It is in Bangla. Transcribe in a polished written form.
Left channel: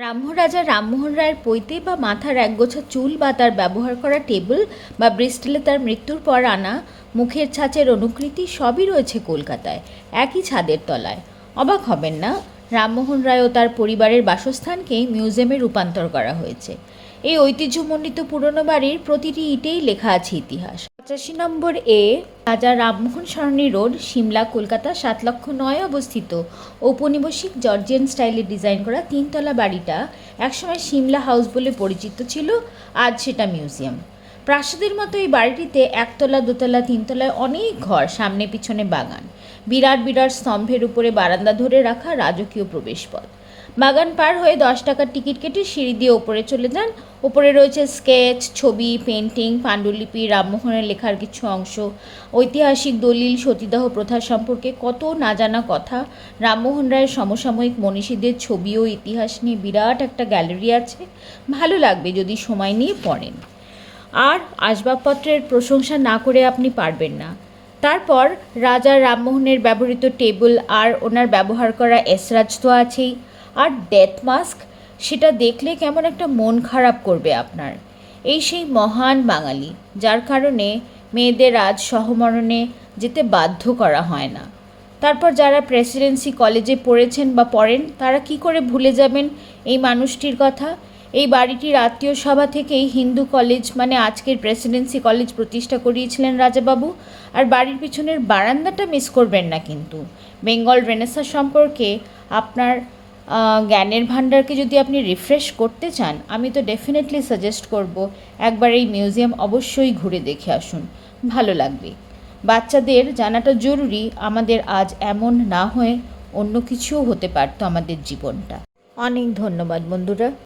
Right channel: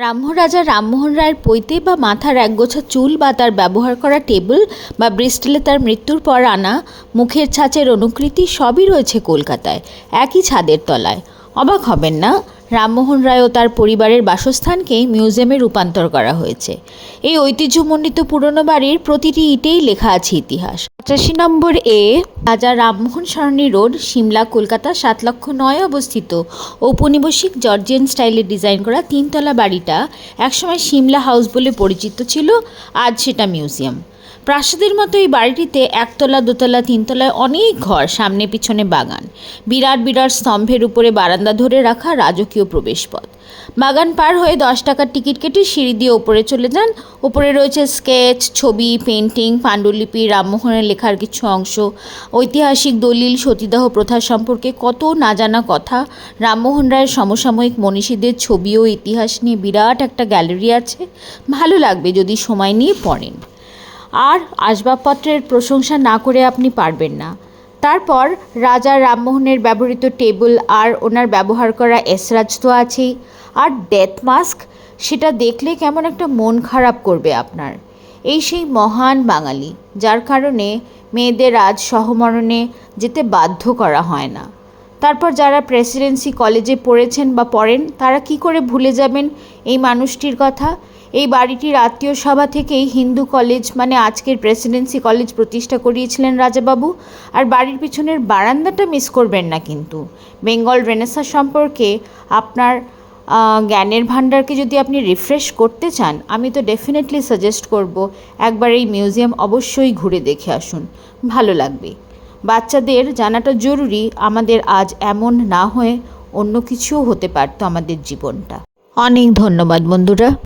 রামরাজা রামমোহন রায়ের পৈতে বা মাথার একগোছা চুল বা তার ব্যবহার করা টেবিল বা ব্রিস্টলে তার মৃত্যুর পর আনা মুখের ছাঁচের অনুকৃতি সবই রয়েছে কলকাতায়, একই ছাদের তলায়। অবাক হবেন না, রামমোহন রায় ও তার পরিবারের বাসস্থানকেই মিউজিয়ামে রূপান্তর করা হয়েছে। এই ঐতিহ্যমণ্ডিত পুরনো বাড়ির প্রতিটি ইটেই লেখা আছে ইতিহাস। 85 নম্বর এ রাজা রামমোহন সরণি রোড, সিমলা, কলকাতা 7,09,000 অবস্থিত ঔপনিবেশিক জর্জিয়ান স্টাইলে ডিজাইন করা তিনতলা বাড়িটা একসময় সিমলা হাউস বলে পরিচিত ছিল, আজ সেটা মিউজিয়াম। প্রাসাদের মতো এই বাড়িটিতে একতলা, দোতলা, তিনতলায় অনেক ঘর, সামনে পিছনে বাগান, বিরাট বিরাট স্তম্ভের উপরে বারান্দা ধরে রাখা রাজকীয় প্রবেশপথ। বাগান পার হয়ে 10 টাকার টিকিট কেটে সিঁড়ি দিয়ে ওপরে চলে যান। ওপরে রয়েছে স্কেচ, ছবি, পেন্টিং, পাণ্ডুলিপি, রামমোহনের লেখার কিছু অংশ, ঐতিহাসিক দলিল, সতীদাহ প্রথা সম্পর্কে কত না জানা কথা। রামমোহন রায়ের সমসাময়িক মনীষীদের ছবি ও ইতিহাস নিয়ে বিরাট একটা গ্যালারি আছে। ভালো লাগবে যদি সময় নিয়ে পড়েন। আর আসবাবপত্রের প্রশংসা না করে আপনি পারবেন না। তারপর রাজা রামমোহনের ব্যবহৃত টেবিল আর ওনার ব্যবহার করা এসরাজ তো আছেই, আর ডেথ মাস্ক, সেটা দেখলে কেমন একটা মন খারাপ করবে আপনার। এই সেই মহান বাঙালি যার কারণে মেয়েদের আজ সহমরণে যেতে বাধ্য করা হয় না। তারপর যারা প্রেসিডেন্সি কলেজে পড়েছেন বা পড়েন তারা কি করে ভুলে যাবেন এই মানুষটির কথা। এই বাড়িটির আত্মীয় সভা থেকেই হিন্দু কলেজ মানে আজকের প্রেসিডেন্সি কলেজ প্রতিষ্ঠা করিয়েছিলেন রাজাবাবু। আর বাড়ির পিছনের বারান্দাটা মিস করবেন না কিন্তু। বেঙ্গল রেনেসাঁ সম্পর্কে আপনার জ্ঞানের ভাণ্ডারকে যদি আপনি রিফ্রেশ করতে চান, আমি তো ডেফিনেটলি সাজেস্ট করব একবার এই মিউজিয়াম অবশ্যই ঘুরে দেখে আসুন, ভালো লাগবে। বাচ্চাদের জানাটা জরুরি, আমাদের আজ এমন না হয়ে অন্য কিছুও হতে পারতো আমাদের জীবনটা। অনেক ধন্যবাদ বন্ধুরা।